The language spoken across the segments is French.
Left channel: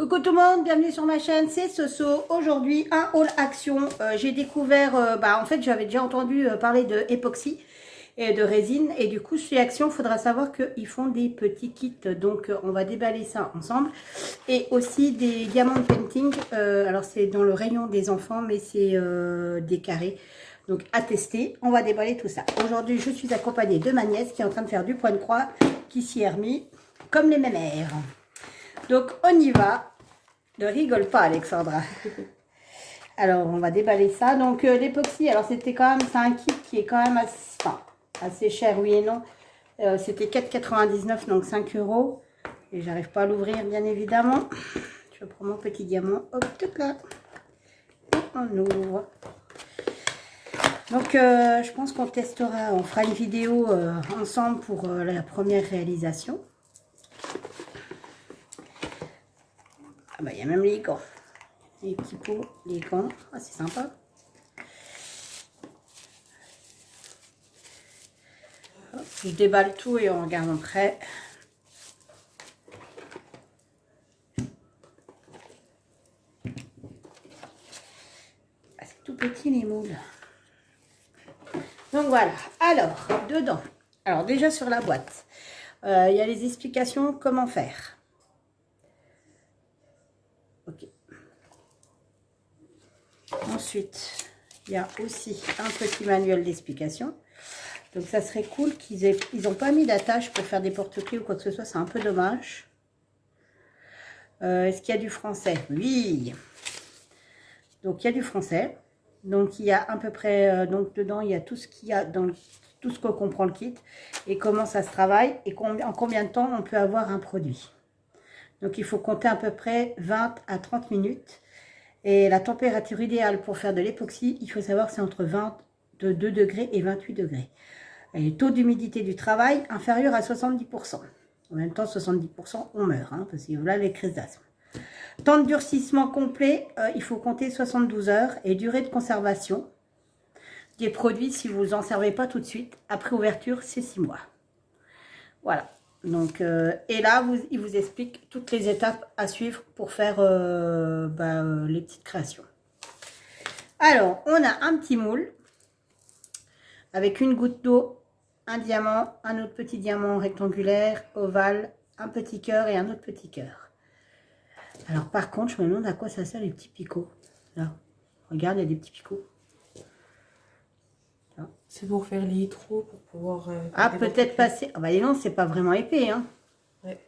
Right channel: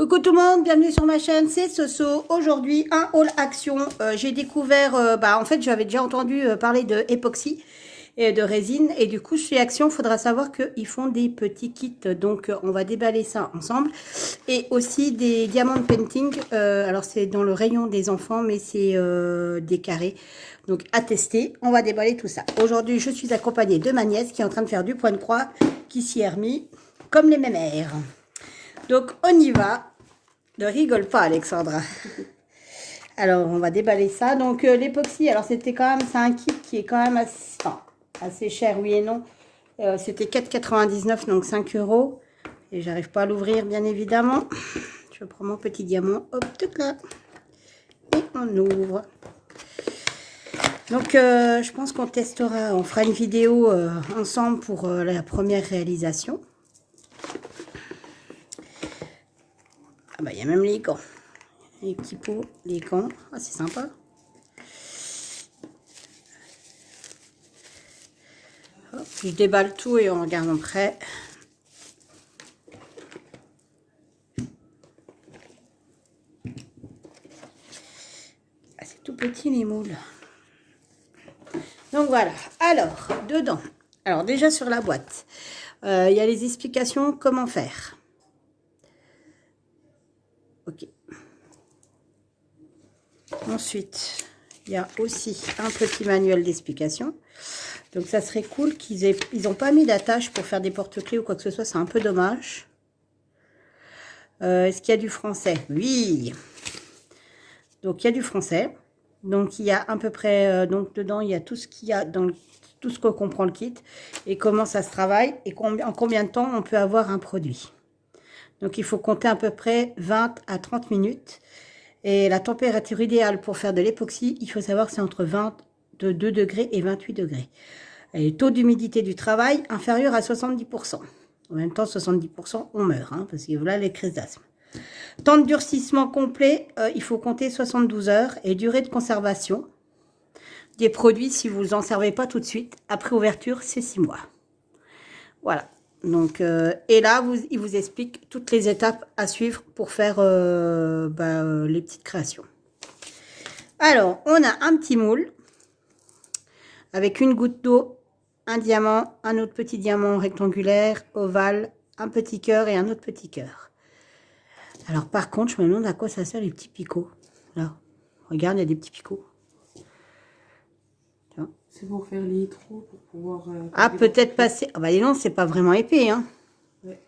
Coucou tout le monde, bienvenue sur ma chaîne, c'est Soso. Aujourd'hui, un haul action. J'ai découvert, en fait, j'avais déjà entendu parler de époxy et de résine. Et du coup, chez Action, il faudra savoir qu'ils font des petits kits. Donc, on va déballer ça ensemble. Et aussi des diamond painting. Alors, c'est dans le rayon des enfants, mais c'est des carrés. Donc, à tester, on va déballer tout ça. Aujourd'hui, je suis accompagnée de ma nièce qui est en train de faire du point de croix, qui s'y est remis comme les mémères. Donc, on y va. Ne rigole pas, Alexandra. Alors, on va déballer ça. Donc, l'époxy, alors c'était quand même, c'est un kit qui est quand même assez cher, oui et non. C'était 4,99, donc 5 €. Et j'arrive pas à l'ouvrir, bien évidemment. Je prends mon petit diamant. Hop, tout là. Et on ouvre. Donc, je pense qu'on testera, on fera une vidéo ensemble pour la première réalisation. Ah bah, il y a même les gants. Les petits pots, les gants. Ah, c'est sympa. Hop, je déballe tout et on regarde après. Ah, c'est tout petit les moules. Donc voilà. Alors, dedans. Alors déjà sur la boîte, il y a les explications comment faire. Ok. Ensuite, il y a aussi un petit manuel d'explication. Donc, ça serait cool qu'ils n'ont pas mis d'attache pour faire des porte-clés ou quoi que ce soit. C'est un peu dommage. Est-ce qu'il y a du français? Oui. Donc, il y a du français. Donc, il y a à peu près... donc, dedans, il y a tout ce qu'il y a dans tout ce que comprend le kit. Et comment ça se travaille. Et en combien de temps on peut avoir un produit. Donc, il faut compter à peu près 20 à 30 minutes. Et la température idéale pour faire de l'époxy, il faut savoir que c'est entre 22 degrés et 28 degrés. Et le taux d'humidité du travail inférieur à 70%. En même temps, 70%, on meurt, hein, parce que voilà les crises d'asthme. Temps de durcissement complet, il faut compter 72 heures. Et durée de conservation des produits, si vous n'en servez pas tout de suite, après ouverture, c'est 6 mois. Voilà. Donc, et là, il vous explique toutes les étapes à suivre pour faire les petites créations. Alors, on a un petit moule avec une goutte d'eau, un diamant, un autre petit diamant rectangulaire, ovale, un petit cœur et un autre petit cœur. Alors, par contre, je me demande à quoi ça sert les petits picots. Là, regarde, il y a des petits picots. C'est pour faire les trous, pour pouvoir... ah, peut-être passer... Ah, bah non, c'est pas vraiment épais, hein. Ouais.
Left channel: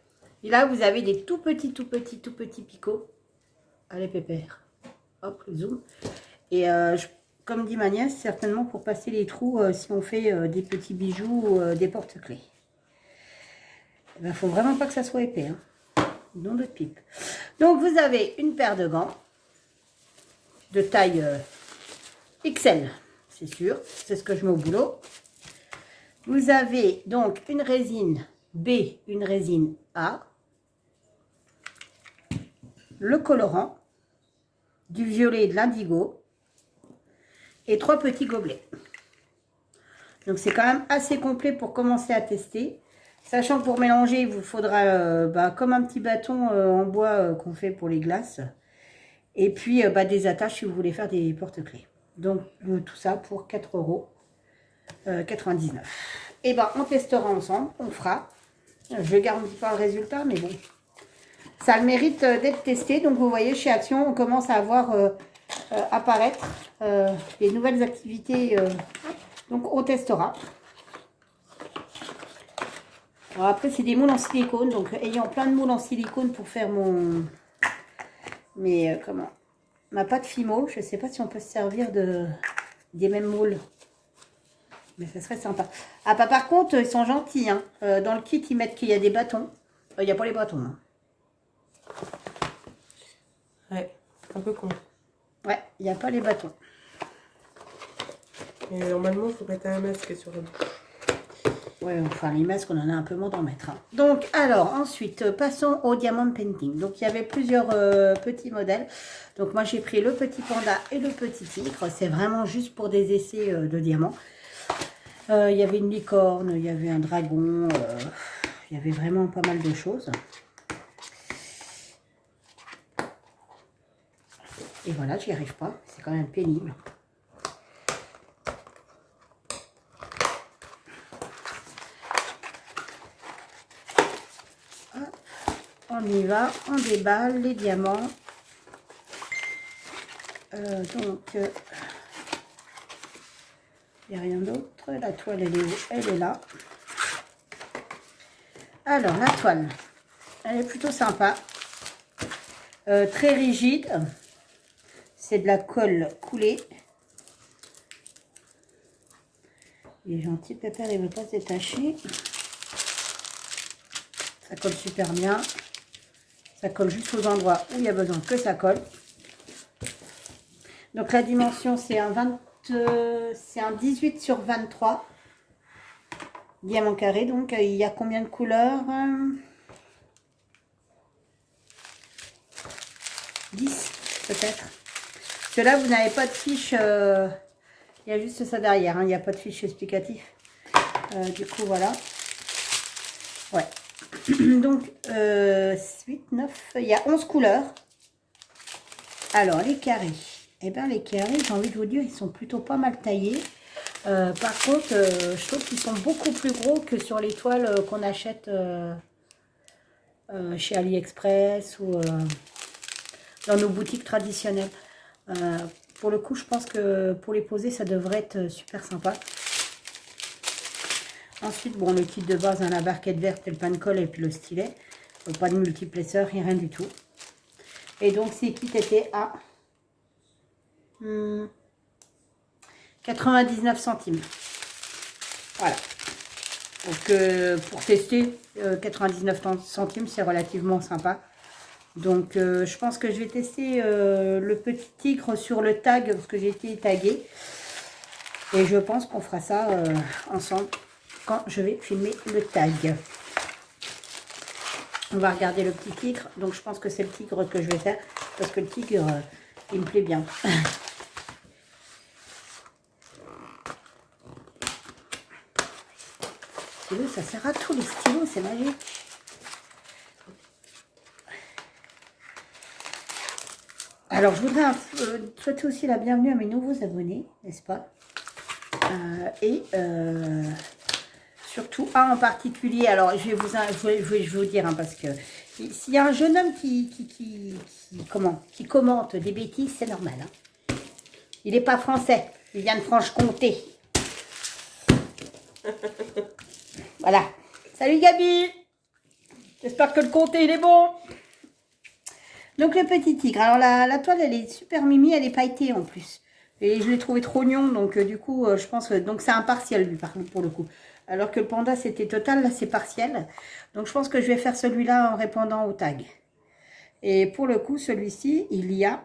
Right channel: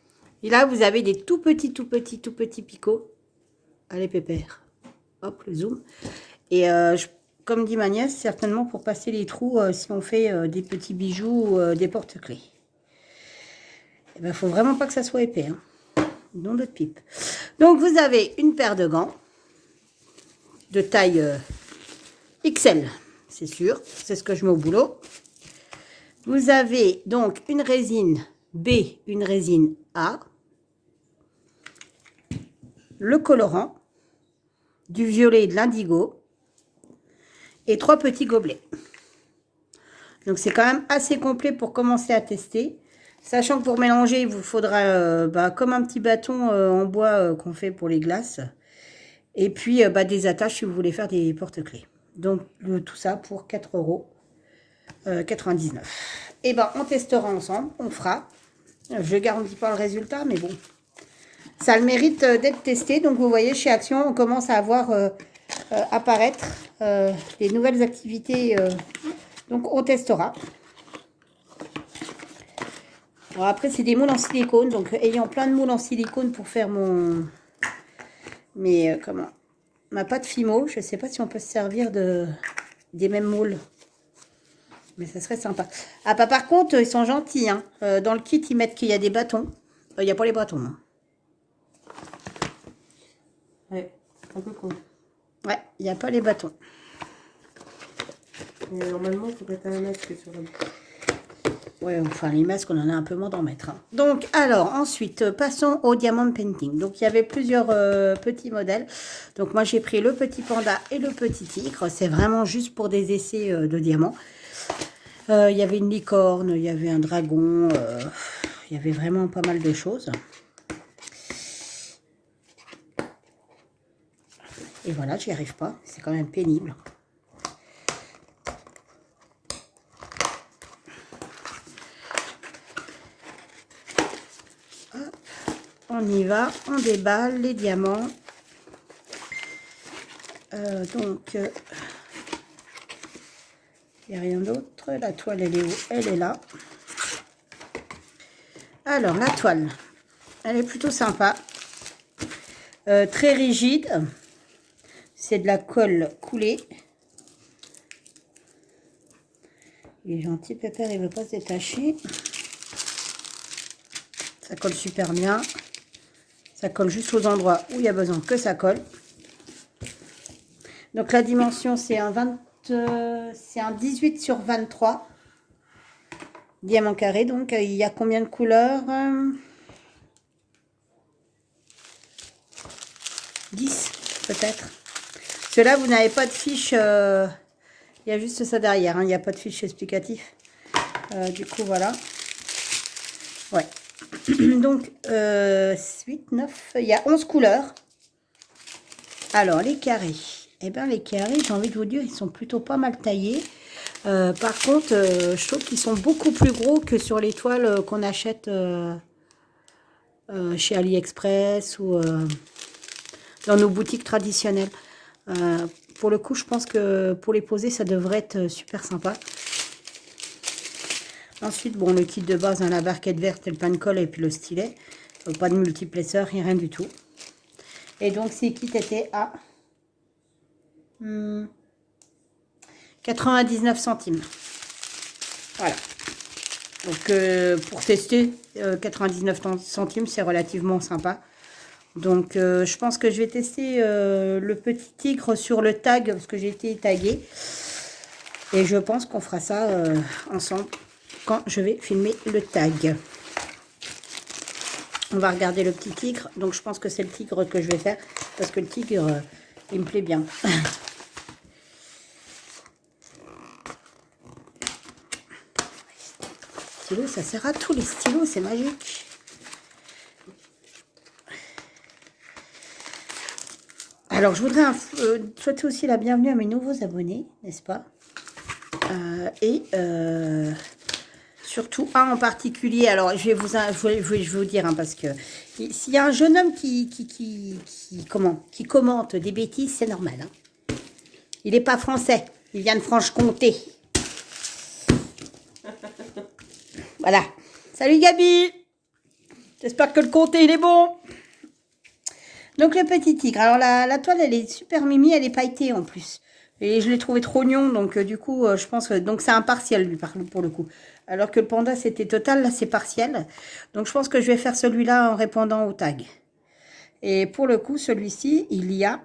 Et là, vous avez des tout petits picots. Allez, pépère. Hop, le zoom. Et comme dit ma nièce, certainement pour passer les trous si on fait des petits bijoux ou des porte-clés. Il ne faut vraiment pas que ça soit épais. Hein. Nom de pipe. Donc, vous avez une paire de gants de taille XL, c'est sûr. C'est ce que je mets au boulot. Vous avez donc une résine B, une résine A, le colorant, du violet et de l'indigo et 3 petits gobelets. Donc, c'est quand même assez complet pour commencer à tester. Sachant que pour mélanger, il vous faudra comme un petit bâton en bois qu'on fait pour les glaces. Et puis, des attaches si vous voulez faire des porte-clés. Donc, tout ça pour 4,99 €. Et on testera ensemble, on fera. Je ne garantis pas le résultat, mais bon. Ça a le mérite d'être testé. Donc, vous voyez, chez Action, on commence à voir apparaître les nouvelles activités. Donc, on testera. Alors, après, c'est des moules en silicone. Donc, ayant plein de moules en silicone pour faire ma pâte Fimo. Je ne sais pas si on peut se servir des mêmes moules. Mais ça serait sympa. Ah, par contre, ils sont gentils. Hein. Dans le kit, ils mettent qu'il y a des bâtons. Il n'y a pas les bâtons. Hein. Ouais, un peu con. Ouais, il n'y a pas les bâtons. Et normalement, il faut mettre un masque sur eux. Ouais, enfin, les masques, on en a un peu moins d'en mettre. Hein. Donc, alors, ensuite, passons au diamond painting. Donc, il y avait plusieurs petits modèles. Donc, moi, j'ai pris le petit panda et le petit tigre. C'est vraiment juste pour des essais de diamants. Il y avait une licorne, il y avait un dragon. Il y avait vraiment pas mal de choses. Et voilà, j'y arrive pas. C'est quand même pénible. Hop, on y va, on déballe les diamants. Donc, il n'y a rien d'autre. La toile, elle est où? Elle est là. Alors, la toile, elle est plutôt sympa. Très rigide. C'est de la colle coulée. Il est gentil, Pépère, il ne veut pas se détacher. Ça colle super bien. Ça colle juste aux endroits où il y a besoin que ça colle. Donc la dimension, c'est un 18 sur 23. Diamant carré. Donc il y a combien de couleurs? 10 peut-être. Cela, vous n'avez pas de fiche. Il y a juste ça derrière. Hein, il n'y a pas de fiche explicatif. Du coup, voilà. Ouais. Donc, 8, 9, il y a 11 couleurs. Alors, les carrés. Eh bien, les carrés, j'ai envie de vous dire, ils sont plutôt pas mal taillés. Par contre, je trouve qu'ils sont beaucoup plus gros que sur les toiles qu'on achète chez AliExpress ou dans nos boutiques traditionnelles. Pour le coup, je pense que pour les poser, ça devrait être super sympa. Ensuite, bon, le kit de base, hein, la barquette verte et le pan-colle et puis le stylet. Pas de multiplesseur, rien du tout. Et donc, ces kits étaient à 99 centimes. Voilà. Donc, pour tester, 99 centimes, c'est relativement sympa. Donc, je pense que je vais tester le petit tigre sur le tag, parce que j'ai été taguée. Et je pense qu'on fera ça ensemble quand je vais filmer le tag. On va regarder le petit tigre. Donc, je pense que c'est le tigre que je vais faire, parce que le tigre, il me plaît bien. Stylo, ça sert à tout, les stylos, c'est magique. Alors, je voudrais souhaiter aussi la bienvenue à mes nouveaux abonnés, n'est-ce pas? Surtout un en particulier. Alors, je vais vous dire, hein, parce que s'il y a un jeune homme qui commente des bêtises, c'est normal. Hein. Il n'est pas français, il vient de Franche-Comté. Voilà. Salut Gabi. J'espère que le comté, il est bon. Donc, le petit tigre. Alors, la toile, elle est super mimi. Elle est pailletée en plus. Et je l'ai trouvé trop rognon. Donc, du coup, je pense que... Donc, c'est un partiel, lui, pour le coup. Alors que le panda, c'était total. Là, c'est partiel. Donc, je pense que je vais faire celui-là en répondant au tag. Et pour le coup, celui-ci, il y a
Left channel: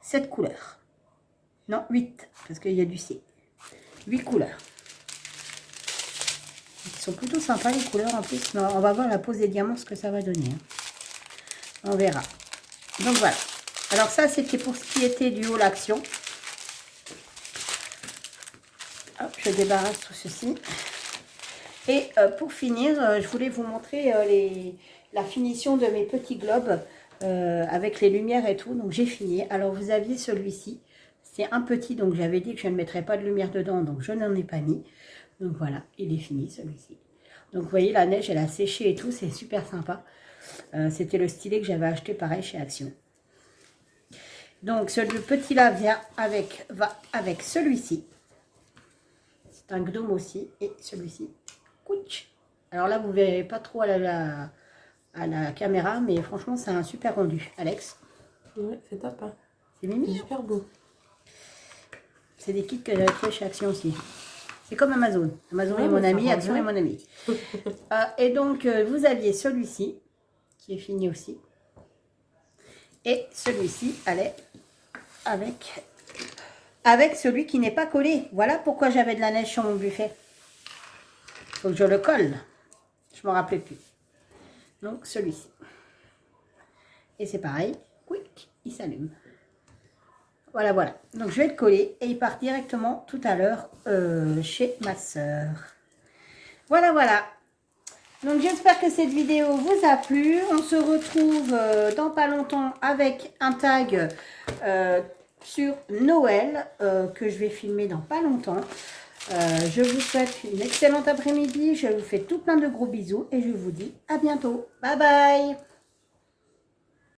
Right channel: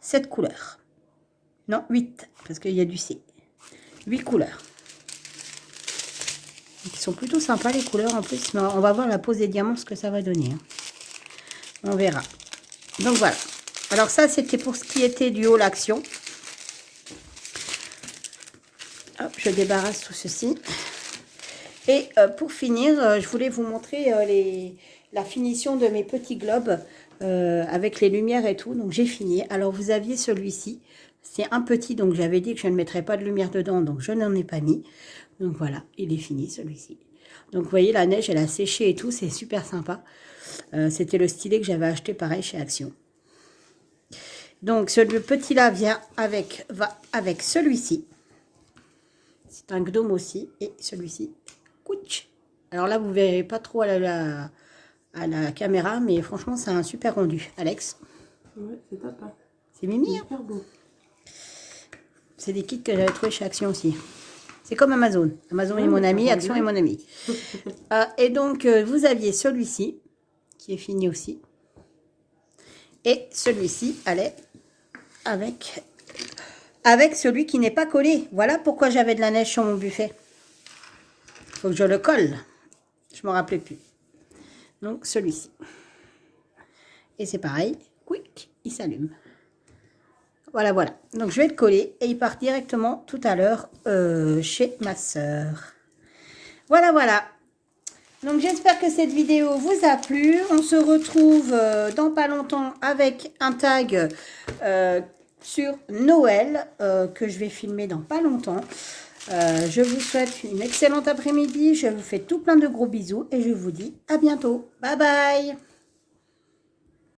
7 couleurs. Non, 8. Parce qu'il y a du C. 8 couleurs. Ils sont plutôt sympas, les couleurs, en plus. Mais on va voir la pose des diamants, ce que ça va donner. Hein. On verra. Donc voilà. Alors ça, c'était pour ce qui était du haut l'action. Hop, je débarrasse tout ceci. Et pour finir, je voulais vous montrer la finition de mes petits globes avec les lumières et tout. Donc j'ai fini. Alors vous aviez celui-ci. C'est un petit, donc j'avais dit que je ne mettrais pas de lumière dedans, donc je n'en ai pas mis. Donc voilà, il est fini celui-ci. Donc vous voyez, la neige, elle a séché et tout, c'est super sympa. C'était le stylet que j'avais acheté pareil chez Action. Donc ce petit là va avec celui-ci. C'est un gnome aussi. Et celui-ci. Alors là, vous ne verrez pas trop à la caméra, mais franchement, c'est un super rendu. Alex? Ouais, c'est top. Hein. C'est mimi. C'est super beau. C'est des kits que j'avais trouvé chez Action aussi. C'est comme Amazon. Amazon est mon ami, Action est mon ami. Et donc, vous aviez celui-ci, qui est fini aussi. Et celui-ci allait avec celui qui n'est pas collé. Voilà pourquoi j'avais de la neige sur mon buffet. Faut que je le colle. Je ne me rappelais plus. Donc, celui-ci. Et c'est pareil. Quick, il s'allume. Voilà, voilà. Donc, je vais le coller et il part directement tout à l'heure chez ma sœur. Voilà, voilà. Donc j'espère que cette vidéo vous a plu. On se retrouve dans pas longtemps avec un tag sur Noël que je vais filmer dans pas longtemps. Je vous souhaite une excellente après-midi. Je vous fais tout plein de gros bisous et je vous dis à bientôt. Bye bye.